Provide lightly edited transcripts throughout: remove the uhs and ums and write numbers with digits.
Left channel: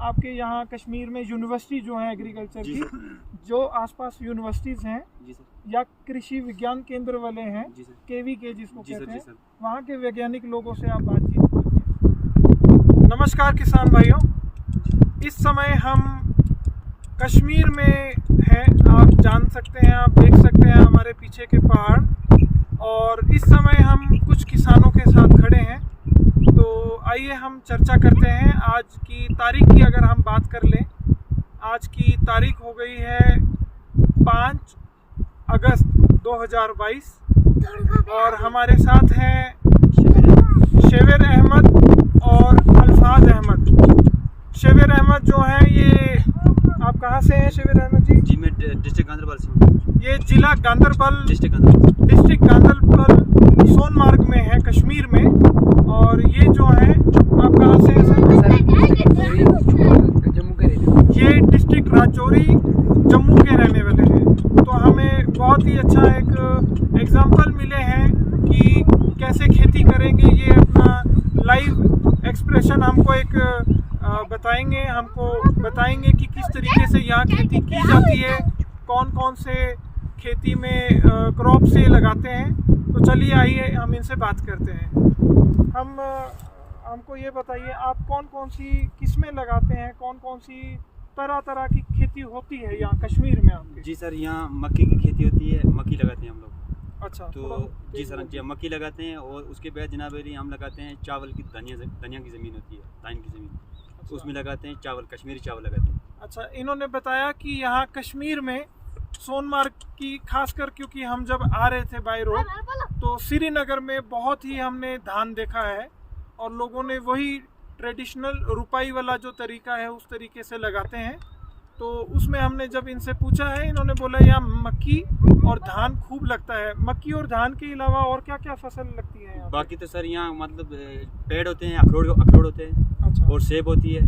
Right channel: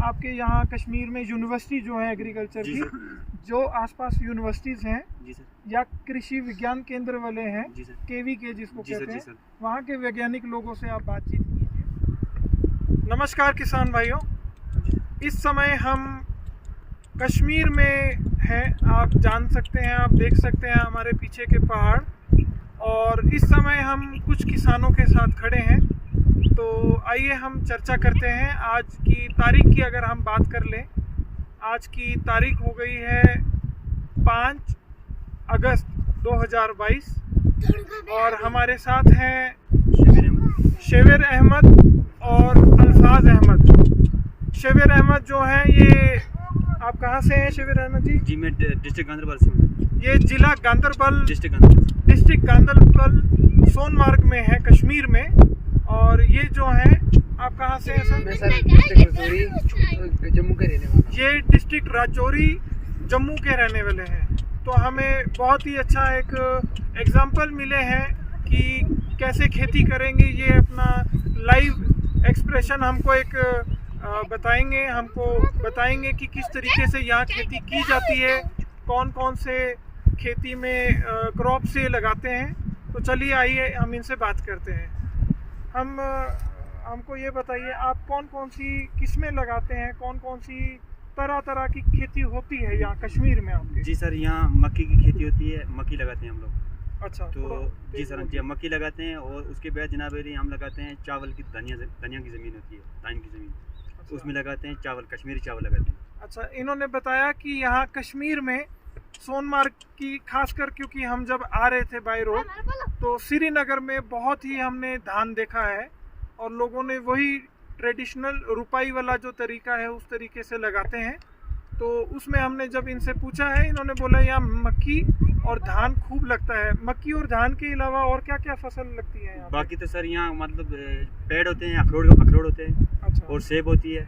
आपके यहाँ कश्मीर में यूनिवर्सिटी जो है एग्रीकल्चर की, जो आसपास यूनिवर्सिटीज़ हैं या कृषि विज्ञान केंद्र वाले हैं KVK जिसको कहते हैं, वहाँ के वैज्ञानिक लोगों से आप बातचीत कीजिए। नमस्कार किसान भाइयों, इस समय हम कश्मीर में हैं। आप जान सकते हैं, आप देख सकते हैं हमारे पीछे के पहाड़, और इस समय हम कुछ किसानों के साथ खड़े हैं। तो आइए हम चर्चा करते हैं। आज की तारीख की अगर हम बात कर लें, आज की तारीख हो गई है 5 अगस्त 2022 और हमारे साथ हैं शेविर अहमद और अल्फाज अहमद। शेविर अहमद जो हैं, ये आप कहाँ से हैं शेविर अहमद जी? जी मैं डिस्ट्रिक्ट गांधरबल से हूँ। ये जिला गांधरबल, डिस्ट्रिक्ट गांधरबल सोनमार्ग में है, कश्मीर में। और ये जो है, आप कहाँ से हैं सर? जम्मू के रहने। ये डिस्ट्रिक्ट राजौरी जम्मू के रहने वाले हैं। तो हमें बहुत ही अच्छा एक एग्जाम्पल मिले हैं कि कैसे खेती करेंगे। ये अपना लाइव एक्सप्रेशन हमको एक बताएंगे, हमको बताएंगे कि किस तरीके से यहाँ खेती की जाती है, कौन कौन से खेती में क्रॉप से लगाते हैं। तो चलिए आइए हम इनसे बात करते हैं। हमको ये बताइए, आप कौन कौन सी किस्में लगाते हैं, कौन कौन सी तरह तरह की खेती होती है यहाँ कश्मीर में आपके? जी सर, यहाँ मक्की की खेती होती है, मक्की लगाते हैं हम लोग। अच्छा, तो जी सर, जी मक्की लगाते हैं और उसके बाद जनाब हम लगाते हैं चावल की, धनिया की ज़मीन होती है, धान की ज़मीन। अच्छा। उसमें लगाते हैं चावल, कश्मीरी चावल लगाते हैं। अच्छा, इन्होंने बताया कि यहाँ कश्मीर में सोनमार्ग की खासकर, क्योंकि हम जब आ रहे थे बाई रोड तो श्रीनगर में बहुत ही हमने धान देखा है और लोगों ने वही ट्रेडिशनल रुपाई वाला जो तरीका है उस तरीके से लगाते हैं। तो उसमें हमने जब इनसे पूछा है, इन्होंने बोला यहाँ मक्की और धान खूब लगता है। मक्की और धान के अलावा और क्या क्या फसल लगती है यहाँ? बाकी तो सर यहाँ मतलब पेड़ होते हैं, अखरोट होते हैं। अच्छा। और सेब होती है।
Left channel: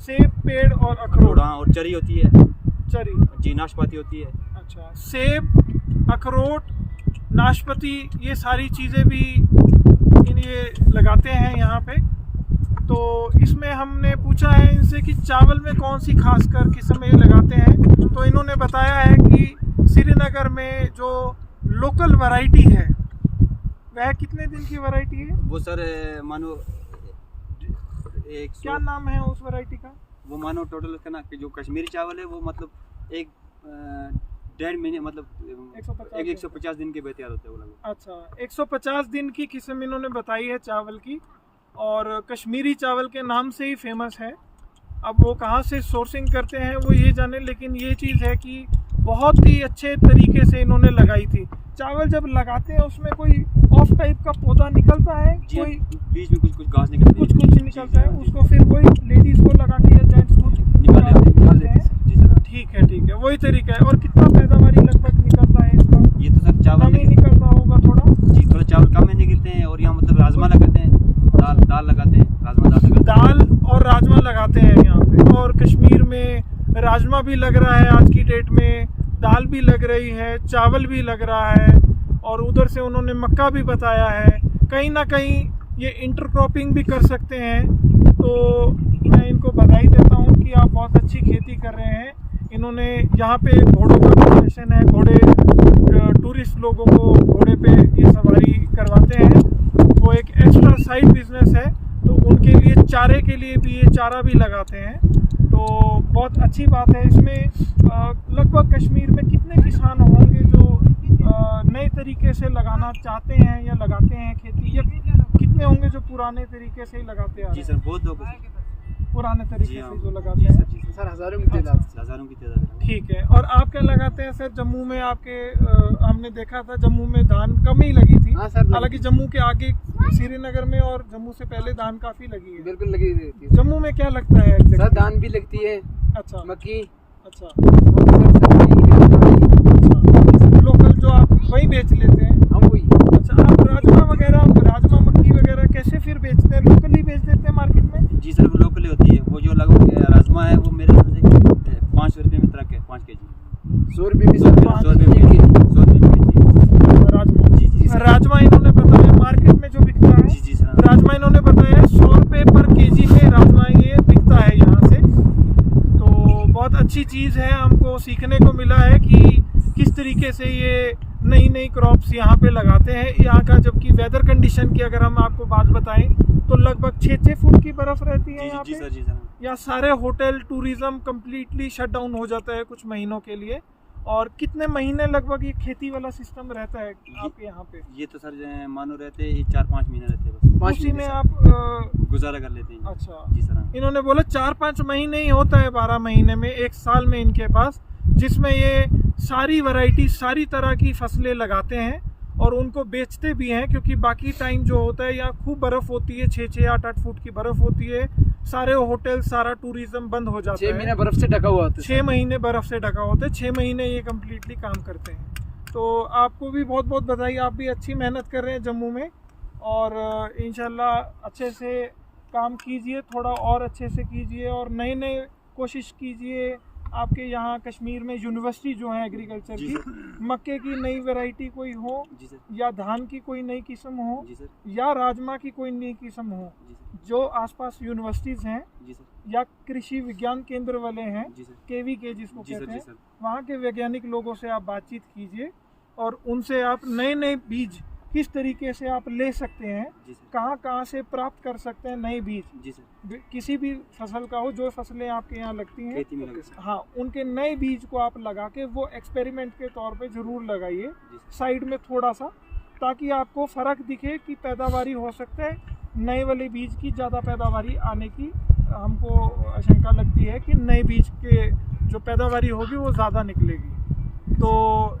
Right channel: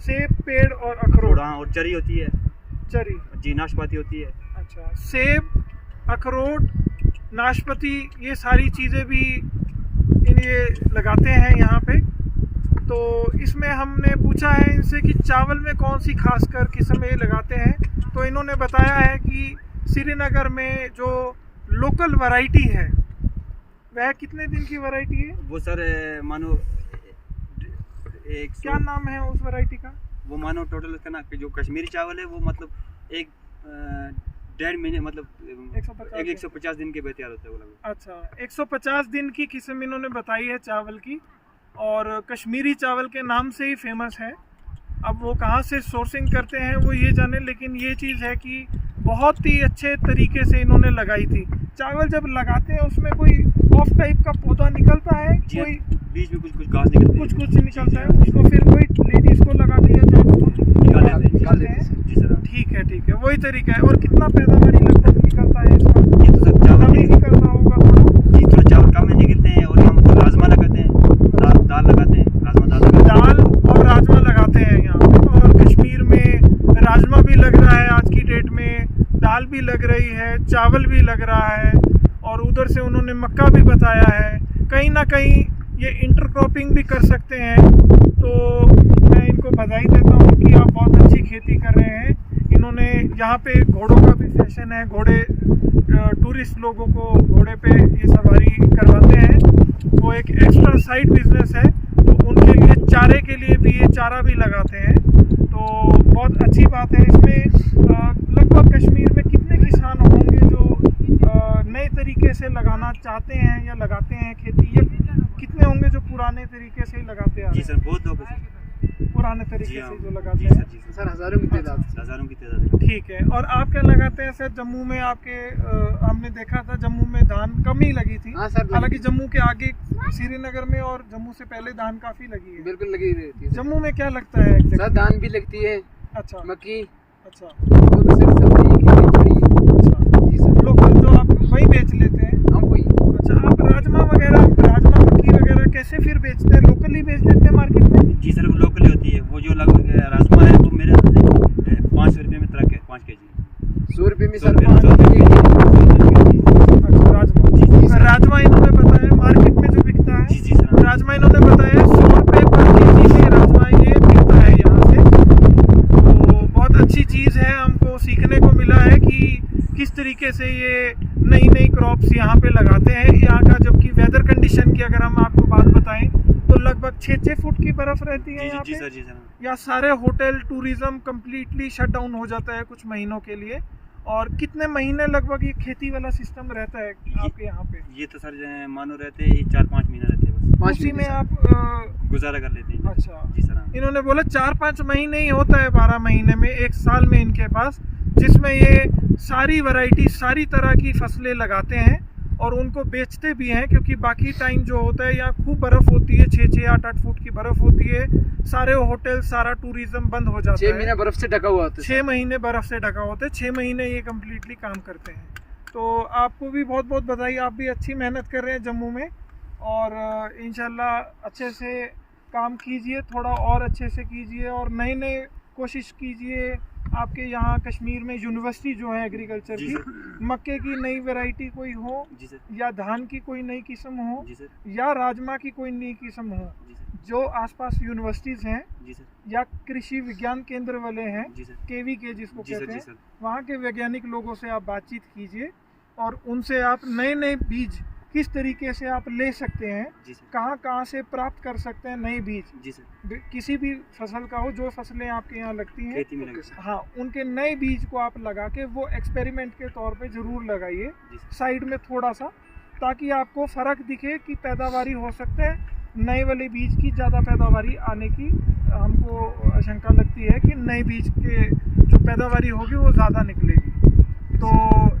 सेब, पेड़ और अखरोट। हाँ, और चरी होती है। चरी जी, नाशपाती होती है। अच्छा, सेब, अखरोट, नाशपाती, ये सारी चीज़ें भी ये लगाते हैं यहाँ पे। तो इसमें हमने पूछा है इनसे कि चावल में कौन सी खासकर किस्म ये लगाते हैं। तो इन्होंने बताया है कि श्रीनगर में जो लोकल वैरायटी है वह कितने दिन की वैरायटी है? वो सर मानो क्या नाम है उस वैरायटी का? वो मानो टोटल उसका ना, जो कश्मीरी चावल है वो मतलब एक 1.5 महीने, मतलब 150 दिन के बाद तैयार होता है वो लगभग। अच्छा, 150 दिन की किस्म इन्होंने बताई है चावल की, और कश्मीरी चावल के नाम से ही फेमस है। अब वो कहाँ से सोर्सिंग करते हैं वो ये जाने, लेकिन ये चीज़ है कि बहुत ही अच्छे तरीके से इन्होंने लगाई थी। चावल जब लगाते हैं उसमें कोई ऑफ टाइप का पौधा निकलता है, कोई बीच में कुछ घास निकलती है, कुछ निकलता है, उसको फिर वही लेडीज को लगाती है, जेंट्स को निकाल देते हैं। ठीक है, वही तरीका है। और कितना पैदावारी लगभग निकलता है इसका? ये तो सर चावल नहीं निकलता होगा थोड़ा? जी, थोड़ा चावल कम में निकलते हैं। और यहाँ मतलब राजमा लगाते हैं, दाल लगाते हैं, दाल और राजमा लगाते हैं यहाँ पे। और कश्मीर में राजमा भी लग रहा है आज की डेट में, दाल भी लग रही है, चावल भी लग रहा है, और उधर से उन्होंने मक्का भी बताया है। कहीं ना कहीं ये इंटरक्रॉपिंग भी कर सकते हैं। तो मैं इनको बधाई देता हूँ कि आप बहुत अच्छी खेती कर रहे हैं। इन्होंने यहाँ पे घोड़ों का प्रोफेशन है, घोड़े टूरिस्ट लोगों को घोड़े पे ये सवारी करवाते हैं। वो एक एक्स्ट्रा साइड बिजनेस है। तो उनके लिए चारे के लिए भी ये चारा भी लगाते हैं। तो बहुत अच्छी बात है। इसमें लगभग कश्मीर में कितने किसान होंगे जो नए तरीके से लगाना चाहते हैं या लगाते हैं खेती? ये कितने होंगे जो पुराने तरीके से ही लगाते हैं? जी सर, बहुत लोग पुराने तरीके से जो लगाते हैं। सर हज़ारों की तादाद। ठीक है। और आप क्या लगाते हैं सर? जम्मू में आपके हमने देखा था जम्मू में धान कम ही लगी थी। हालांकि जम्मू के आगे श्रीनगर में और जम्मू से पहले धान काफी लगी है। बिल्कुल लगी रहती है। जम्मू में क्या लगता है? सर धान भी लगती है। अच्छा, मक्की। अच्छा, लोकल जो आप वही बेच लेते हैं? हम वही। अच्छा, आप राजमा मक्की वगैरह कैसे फिर बेचते हैं? लोकली बेच देते हैं मार्केट में? जी सर, वो लोकली होती है। वो जो लगभग राजमा है वो मेरे 500 रुपये में ट्रक है, 5 kg। 100 रुपये में सर राजमा इन्होंने बताया मार्केट में जो बिकता है। जी सर, राजमा इन्होंने बताया 100 रुपये पर केजी में राजमा ये बिकता है यहाँ से। सीखने को मिला है कि किस तरीके से ये नई नई क्रॉप्स यहाँ पे लगाते हैं। यहाँ का जबकि वेदर कंडीशन की अगर हम आपको बात बताएं तो लगभग 6-6 फुट की बर्फ रहती है यहाँ पे। जी सर। या सारे hotel tourism completely shut down हो जाता है कुछ महीनों के लिए। और कितने महीने लगभग ये खेती वाला सिस्टम रहता है आपके यहाँ पे? ये तो सर मानो रहते हैं 4-5 महीने रहते हैं बस। उसी में आप गुजारा कर लेते हैं। अच्छा जी सर। इन्होंने बोला 4-5 महीने ही होता है 12 महीने में, एक साल में इनके पास, जिसमें ये सारी वैरायटी सारी तरह की फसलें लगाते हैं और उनको बेचते भी हैं। क्योंकि बाकी टाइम जो होता है यहाँ खूब बर्फ़ होती है, 6-6, 8-8 फुट की बर्फ़ होती है, सारे होटल सारा टूरिज्म बंद हो जाता है। 6 महीने बर्फ से ढका हुआ होता है। 6 महीने बर्फ़ से ढका होता है, 6 महीने ये कम्प्लीटली काम करते हैं। तो आपको भी बहुत बहुत बधाई, आप भी अच्छी मेहनत कर रहे हैं जम्मू में और इंशाल्लाह अच्छे से काम कीजिए, थोड़ा और अच्छे से कीजिए और नए नए कोशिश कीजिए। आपके यहाँ कश्मीर में यूनिवर्सिटी जो है एग्रीकल्चर की, मक्के की नई वैरायटी कोई हो या धान की कोई नई किस्म हो या राजमा की कोई नई किस्म हो, जो आसपास यूनिवर्सिटीज़ हैं या कृषि विज्ञान केंद्र वाले हैं, KVK जिसको कहते हैं, वहाँ के वैज्ञानिक लोगों से आप बातचीत कीजिए और उनसे आप नए नए बीज किस तरीके से आप ले सकते हैं, कहाँ से प्राप्त कर सकते हैं नए बीज, किसी भी फसल का हो, जो फसलें आपके यहाँ लगती हैं, हाँ उनके नए बीज को आप लगा के वो एक्सपेरिमेंट के तौर पे ज़रूर लगाइए साइड में थोड़ा सा, ताकि आपको फ़र्क दिखे कि पैदावारी हो सकता है नए वाले बीज की ज़्यादा पैदावारी आने की हमको आशंका लगती है कि नए बीज के जो पैदावारी होगी वो ज़्यादा निकलेगी। तो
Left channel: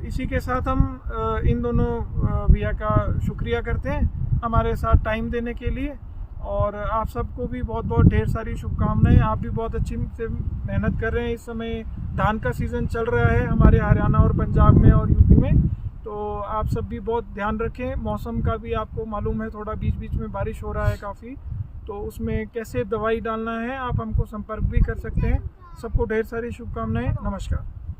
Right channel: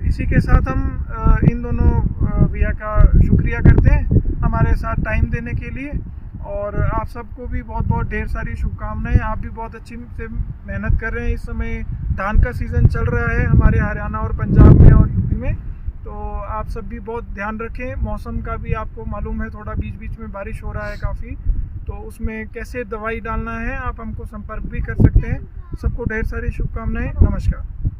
इसी के साथ हम इन दोनों भैया का शुक्रिया करते हैं हमारे साथ टाइम देने के लिए और आप सबको भी बहुत बहुत ढेर सारी शुभकामनाएं। आप भी बहुत अच्छी से मेहनत कर रहे हैं। इस समय धान का सीज़न चल रहा है हमारे हरियाणा और पंजाब में और यूपी में, तो आप सब भी बहुत ध्यान रखें। मौसम का भी आपको मालूम है, थोड़ा बीच बीच में बारिश हो रहा है काफ़ी, तो उसमें कैसे दवाई डालना है आप हमको संपर्क भी कर सकते हैं। सबको ढेर सारी शुभकामनाएं। नमस्कार।